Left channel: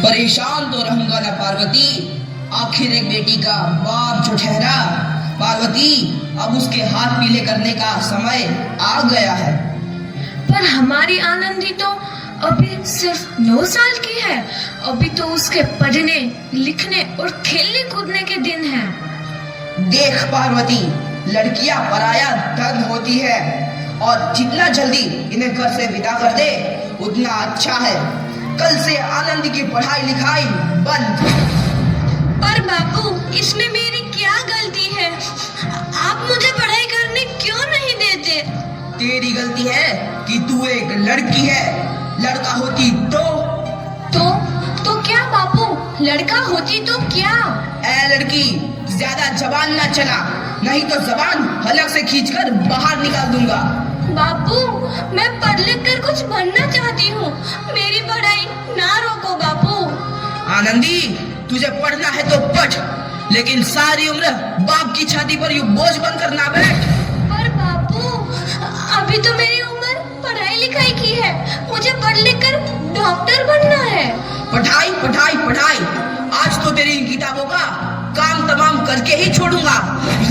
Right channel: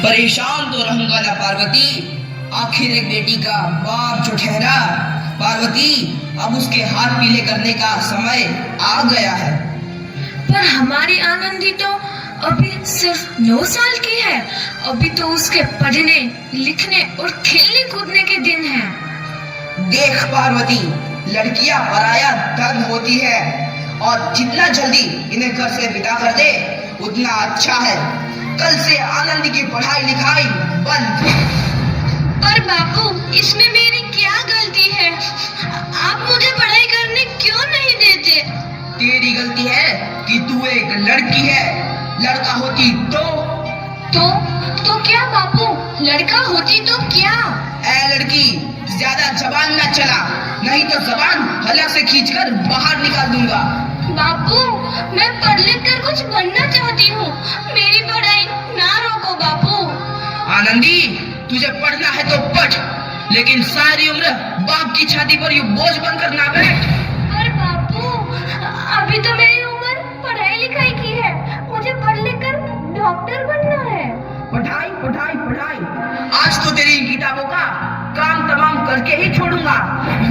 परेशान तो रहूंगा ना पार्वती, आखिर एक बेटी का बाप जो ठहरा। पार्वती, अब उसके हाथ पीले करने का समय आ गया है। पर हमारी आनंदी तो अभी सिर्फ 9 साल की है। अभी तो उसके पढ़ने लिखने और खेलने कूदने के दिन हैं। देख पार्वती, लड़कियां पराया धन होती है और जितना जल्दी इन्हें घर से विदा कर दे उतना अच्छा है। कल से आनंदी की पढ़ाई लिखाई बंद। पर बापू, इसमें मेरी क्या गलती है? आप मुझे पढ़ाई करने क्यों नहीं देते? तेरी गलती है कि तू एक लड़की है। लड़का होती तो क्या बापू? लड़का होती तो क्या? ए लड़की, ज्यादा जबान ना चला, नहीं तो जबान हलक से खींचकर बाहर निकाल दूंगा। बापू, मैं पढ़ लिख कर कुछ बनना चाहती हूँ। मेरी पढ़ाई ना रोको बापू। आनंदी, तुझे पढ़ना है तो पढ़, लेकिन सारी उम्र बाप की छाती पर यूं बोझ बनकर ना बैठ। पर बापू, अभी तो मेरी उम्र पढ़ाई लिखाई की है। मुझे पढ़ लिख कर डॉक्टर बनना है। पढ़ाई पढ़ाई पढ़ाई, आज तो तेरी इन किताबों का काम तमाम करके ही छोड़ूंगा।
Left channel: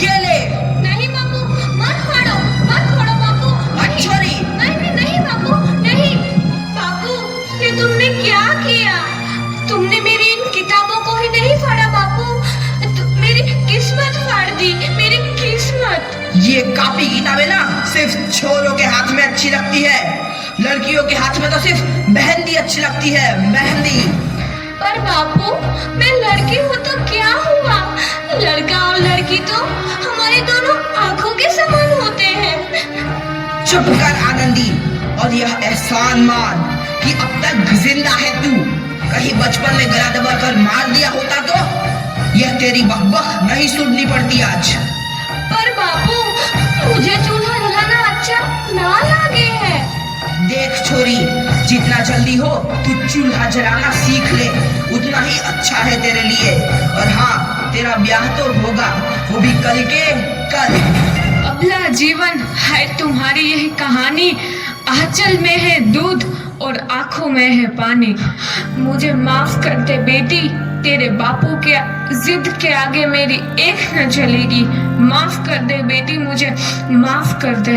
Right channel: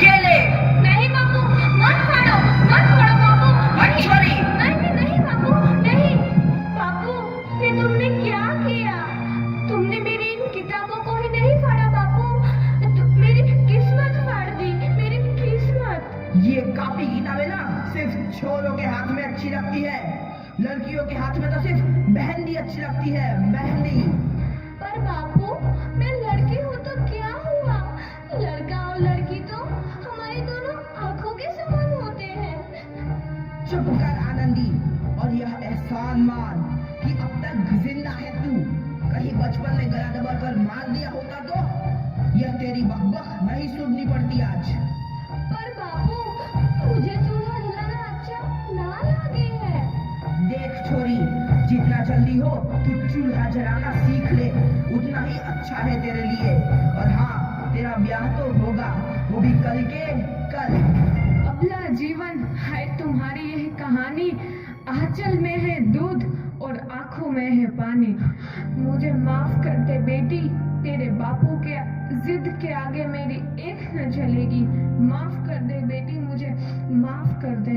ये ले। नहीं बापू, मत फाड़ो बापू। हट छोरी। नहीं बापू, नहीं। बापू, ये तुमने क्या किया? तुमने मेरी इन किताबों को ही नहीं फाड़ा बापू, मेरी किस्मत फाड़ दी, मेरी किस्मत। ये कॉपी किताबें ना सिर्फ छोरों के हाथ में अच्छी लगती है, लड़कियों के हाथ में तो सिर्फ मेहंदी अच्छी लगती है, मेहंदी। पर बापू, मैं लड़की हूँ तो क्या हुआ? लड़का और लड़की तो हमारे दोनों आंखों के समान होते हैं। चुप कर आनंदी, और यह एहसान मान कि अब तक जिंदा है तू। कहीं बचपन में गला दबाकर मार दिया होता तो यह तेरी बकबक नहीं सुननी पड़ती आज। पर बापू, मुझे चूल्हा जलाना अच्छा ना लगे है। देख छोरी, जितना जल्दी हो तू चूल्हा जलाना सीख ले, उतना ही अच्छा है तेरे लिए। और हाँ, तेरा ब्याह तो होगा, वो भी कल के कल। अबला जीवन है तुम्हारी यही कहानी। आंचल में है दूध और आंखों में है पानी। मुझे माफ कर दे बेटी, तेरे बापू के जिद के आगे मेरी एक न चलेगी। माफ कर दे बेटी, मुझे माफ कर दे।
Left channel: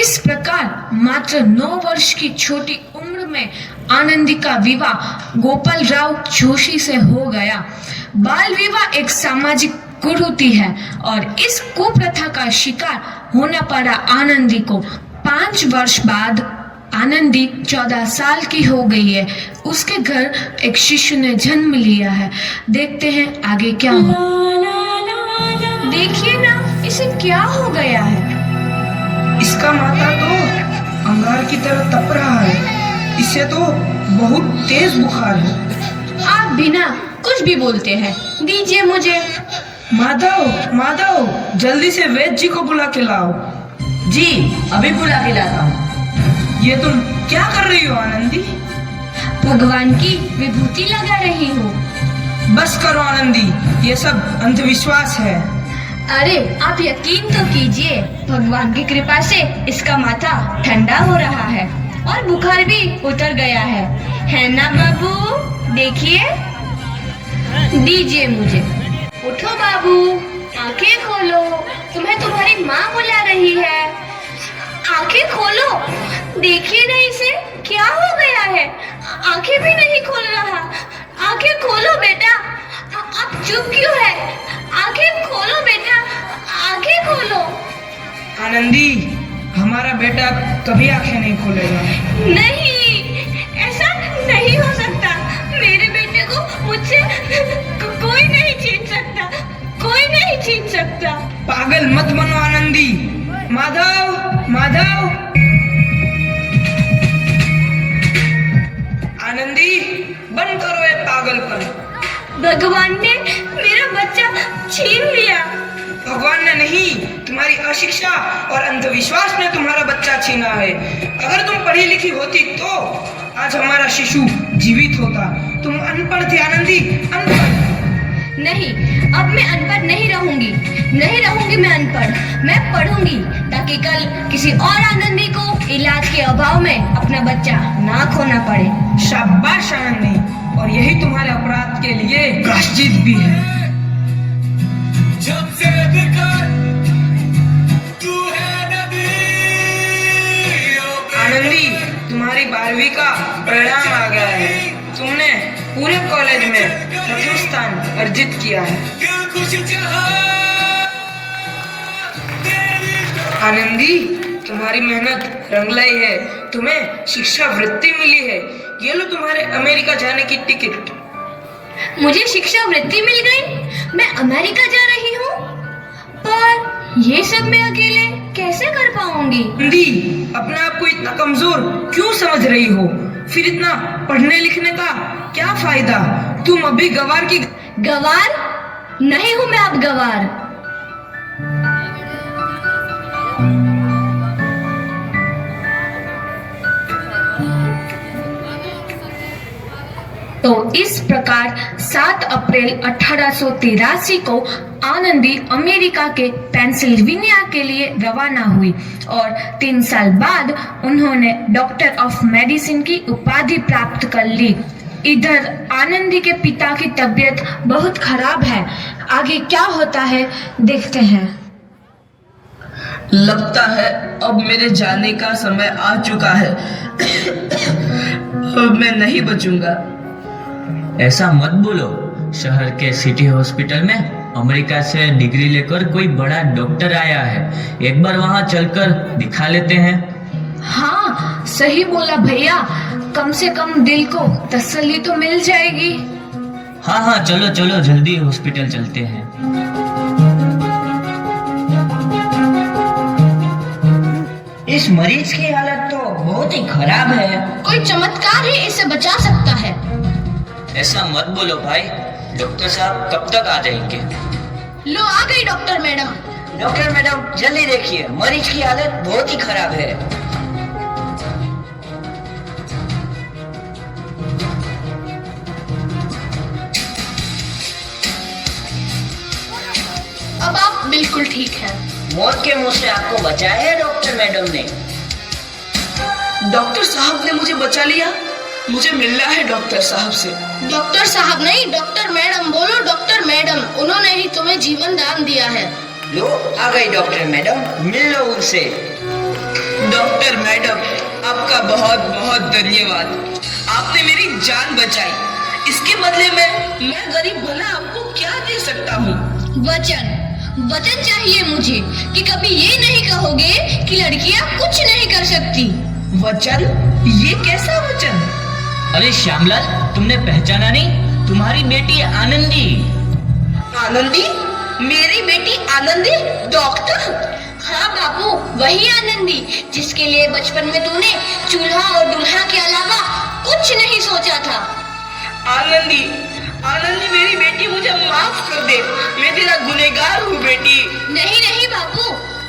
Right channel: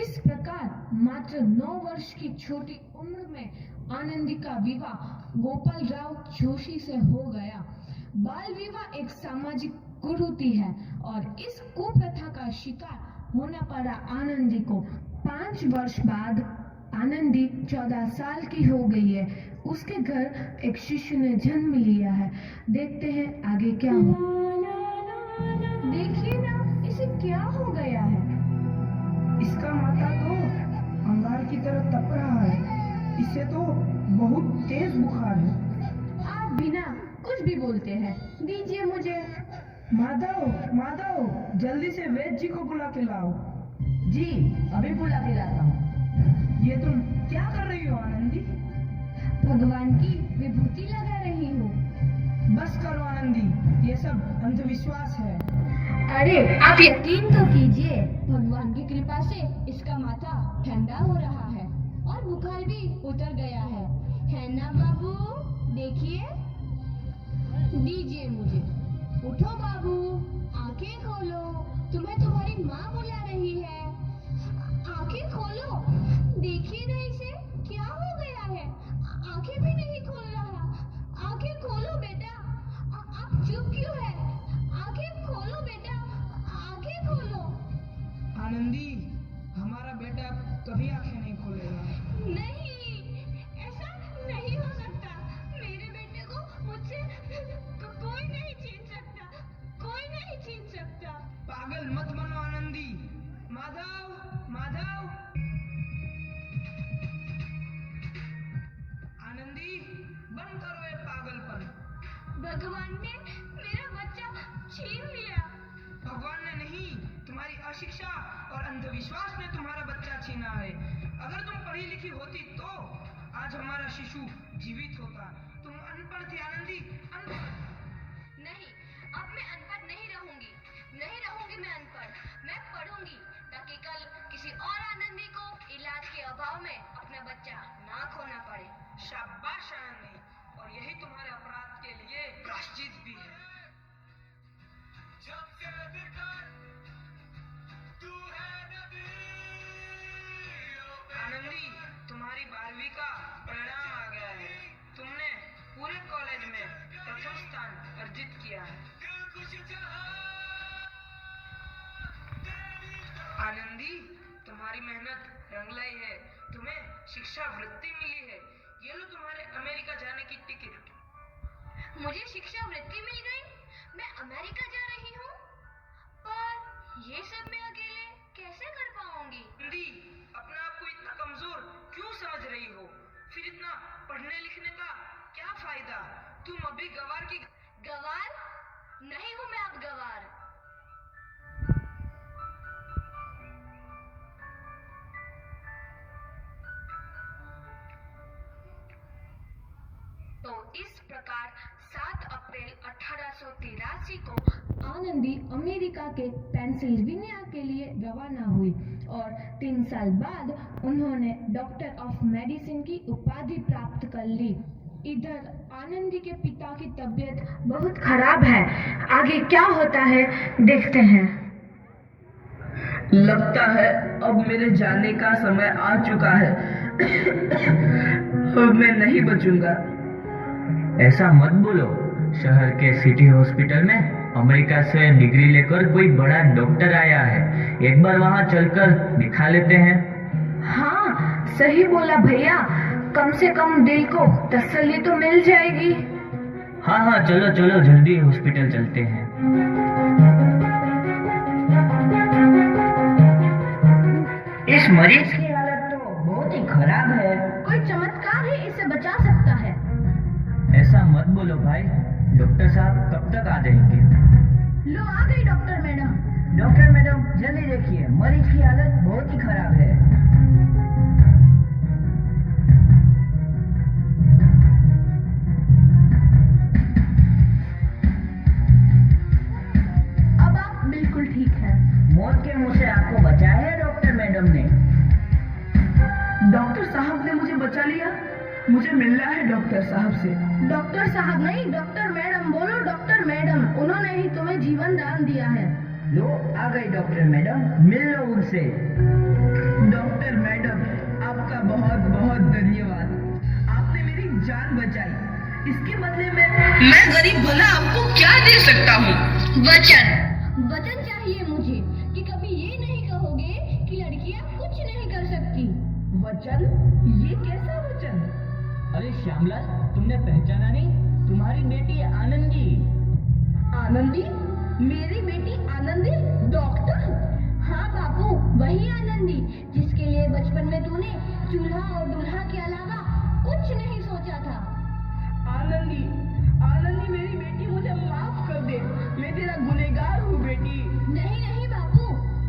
इस प्रकार मात्र 9 वर्ष की छोटी उम्र में आनंदी का विवाह गोपाल राव जोशी से हो गया। बाल विवाह एक सामाजिक कुरीति है और इस कुप्रथा का शिकार होना पड़ा आनंदी को। 5 वर्ष बाद आनंदी 14 साल की हो गई है। उसके घर एक शिशु ने जन्म लिया है। देखते हैं आगे क्या हो। देखिए ना, इसे क्या हो गया है? इसका माथा तो अंगार की तरह तप रहा है। इसे तो बहुत तेज बुखार है। आप बिना कुछ भी बोलते हैं, दीजिए मुझे। माधव, माधव, जल्दी से वैद्य जी को बुला के लाओ। जी, अभी बुला के लाता हूँ। ये तुम क्या कर रही हो आनंदी? भगवान की विभूति लगा रही हूँ। बस करो आनंदी, ये सब अंधविश्वास है। अरे आप यकीन तो कीजिए, भगवान की कृपा से इसका माथा ठंडा हो रहा है और बुखार भी उतर गया है ना बाबू? देखिए, दीजिए मुझे। उठो बाबू, आंखें खोलो, तुम्हें तुम्हारी माँ बुला रही है। आंखें खोलो, देखिए ना इसे क्या हो गया है। आंखें भी नहीं खोल रहा। आंखें खोलो बेटा। आप चुप क्यों है? आंखें खोलो बेटा, आंखें खोलो। आनंदी, हमारा बेटा कभी आंखें नहीं खोलेगा। नहीं, ऐसा नहीं हो सकता। मेरे बेटे को मुझसे कोई नहीं छीन सकता, कोई नहीं छीन सकता। पागल मत बनो आनंदी। माधव, माधव। आनंदी, बंद करो ये पागलपन। भगवान ने मेरा बच्चा छीन लिया। भगवान ने नहीं, तुम्हारी अशिक्षा और अंधविश्वास ने तुम्हारा बच्चा छीना है। अगर तुम पढ़ी लिखी होती तो आज हमारा शिशु जीवित होता। तुम अनपढ़ थी आनंदी, अनपढ़। नहीं, अब मैं अनपढ़ नहीं रहूंगी। नहीं रहूंगी मैं अनपढ़। मैं पढ़ूंगी ताकि कल किसी और आनंदी को इलाज के अभाव में अपना बच्चा ना खोना पड़े। शाबाश आनंदी, और यही तुम्हारे अपराध के लिए प्रायश्चित भी है। जब से देखा तू है नदी। आनंदी, तुम्हारी 12वीं का परिणाम आ गया है। तुमने पूरे कॉलेज में प्रथम स्थान अर्जित किया है। आनंदी, तुम्हारी मेहनत रंग लाई है। तुम्हें शिक्षा वृत्ति मिली है। ये लो तुम्हारे अमेरिका जाने की टिकट। मुझे शिक्षा वृत्ति मिल गई, मैं अमेरिका जा रही हूँ। पर ये सब मैं अकेले कैसे कर पाऊंगी? आनंदी, अपने आप को इतना कमजोर क्यों समझ रही हो? फिर इतना पढ़ने लिखने का क्या फायदा? तुम अभी गवार की गवार नहीं हूँ मैं अब गवार। तो इस प्रकार 7 अप्रैल 1883 को आनंदी अमेरिका के पेंसिल्वेनिया के लिए रवाना हुई और 3 साल बाद उन्होंने डॉक्टर ऑफ मेडिसिन की उपाधि प्राप्त कर ली। इधर आनंदी के पिता की तबीयत बहुत खराब है। आगे क्या होता है देखते हैं। लगता है अब मेरे जाने का समय आ चुका है। अब मैं नहीं बचूंगा। ऐसा मत बोलो। शहर के सिटी हॉस्पिटल में अमेरिका से डिग्री लेकर कोई बड़ा डॉक्टर आया है। एक बार वहां चलकर दिखा लेते हैं। हाँ, सही बोला भैया। कम से कम दिल को तसल्ली तो मिल जाएगी। हाँ हाँ, चलो चलो जल्दी हॉस्पिटल चलते हैं। इस मरीज की हालत तो बहुत ही खराब है। कोई चमत्कार ही इसे बचा सकता है। ऐसा मत बोलो भाई। डॉक्टर साहब कब तक आ जाएंगे? लो आ गई डॉक्टर मैडम। डॉक्टर मैडम जल्दी देखिए, मरीज की हालत बहुत ही खराब है। अब आप बिल्कुल ठीक हैं। मौत के मुंह से आपको बचाया है डॉक्टर मैडम ने। डॉक्टर साहब ने मुझे बचा लिया। मुझे मिलना है डॉक्टर साहब से। डॉक्टर साहब नहीं, डॉक्टर मैडम बोलो। डॉक्टर मैडम, उन्होंने ही तुम्हें जीवन दान दिया है। लो आ गई डॉक्टर मैडम, मिल लो उनसे। डॉक्टर मैडम, आपका बहुत बहुत धन्यवाद। आपने मेरी जान बचाई। इसके बदले में मैं गरीब भला आपको क्या दे सकता हूँ? वचन चाहिए मुझे कि कभी ये नहीं कहोगे कि लड़कियां कुछ नहीं कर सकती। वचन? ये कैसा वचन? अरे श्यामलाल, तुमने पहचाना नहीं? तुम्हारी बेटी आनंदी। आनंदी? मेरी बेटी आनंदी डॉक्टर? हाँ बापू, वही आनंदी जिसके लिए बचपन में तूने चूल्हा और दूल्हा के अलावा कुछ नहीं सोचा था। आनंदी, आनंदी मेरी बेटी, मुझे माफ कर दे। मैं तेरा गुनहगार हूँ बेटी। नहीं नहीं बापू,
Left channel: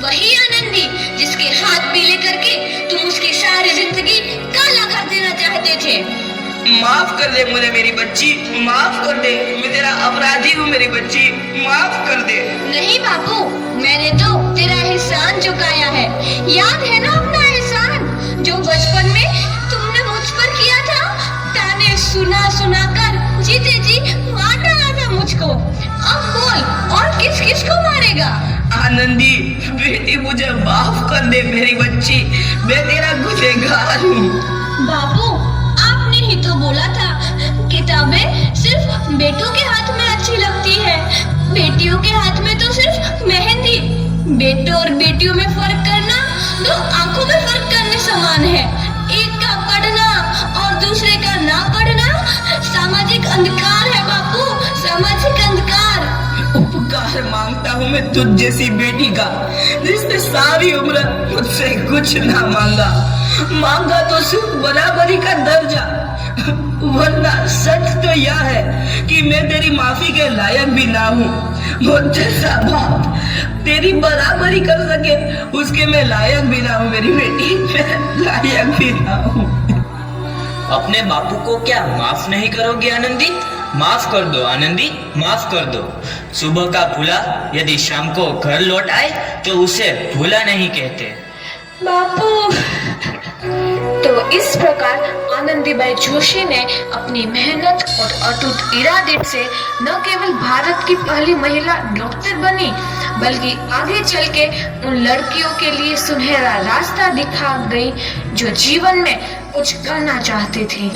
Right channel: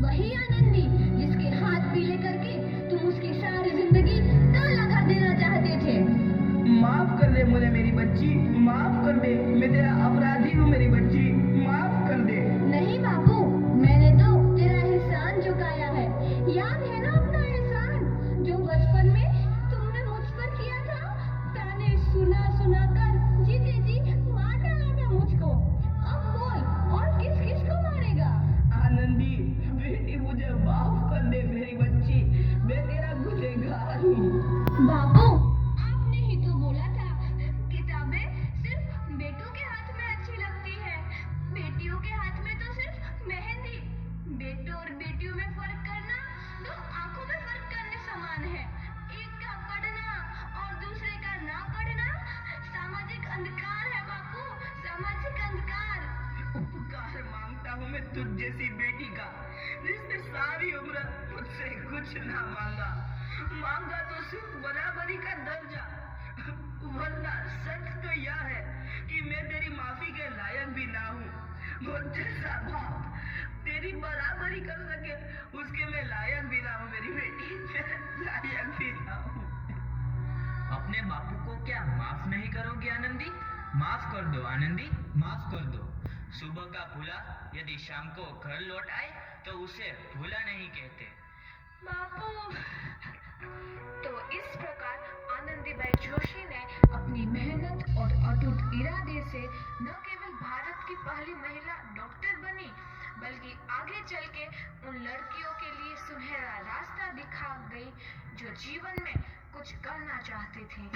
वही आनंदी जिसके हाथ पीले करके तुम उसकी सारी जिंदगी काला कर देना चाहते थे। माफ कर दे मुझे मेरी बच्ची, माफ कर दे। मैं तेरा अपराधी हूँ मेरी बच्ची, माफ कर दे। नहीं बापू, मैंने तो तेरा एहसान चुकाया है। याद है ना अपना एहसान जो बचपन में तुमने मुझ पर किया था? ताने सुना सुना कर जीते जी मार डाला था मुझको। अब बोल, और किस किस को मारेगा? आनंदी बेटी, मुझे माफ कर दे मेरी बच्ची। मैं तेरा गुनहगार हूँ। बापू, आपने ही तो बोला था किताबें सिर्फ बेटों के हाथ में अच्छी लगती है, बेटियों के हाथ में तो सिर्फ मेहंदी। बेटों और बेटियों में फर्क करना दो आंखों में फर्क करने समान है। एक का पढ़ना और दूसरे का ना पढ़ना सामाजिक अंधकार है बापू, सामाजिक अंधकार। उपकार मांगता हूँ मैं तुझ जैसी बेटी का, जिसने सारी उम्र मुझसे कुछ ना मांगा तो सिर्फ बराबरी का दर्जा। वरना सच तो यह है कि मैं तेरी माफी के लायक भी ना हूँ। मुझ जैसा बाप तेरी बराबरी कर सके उसके मैं लायक भी ना हूँ मेरी बेटी, मैं लायक भी ना हूँ। अपने बापू को क्या माफ नहीं करोगे आनंदी? माफ कर दो आनंदी, माफ कर दो। सुबह का भूला यदि शाम को घर लौट आए तो उसे भूला नहीं कहते। बापू, तो इस प्रकार आनंदीबाई जोशी ने अपनी मेहनत और अटूट इरादे से न केवल भारत की पहली महिला डॉक्टर बनी, बल्कि आगे चल के उन लड़कियों के लिए सुनहरा रास्ता दिखा गई जो जीवन में कुछ करना चाहती थी।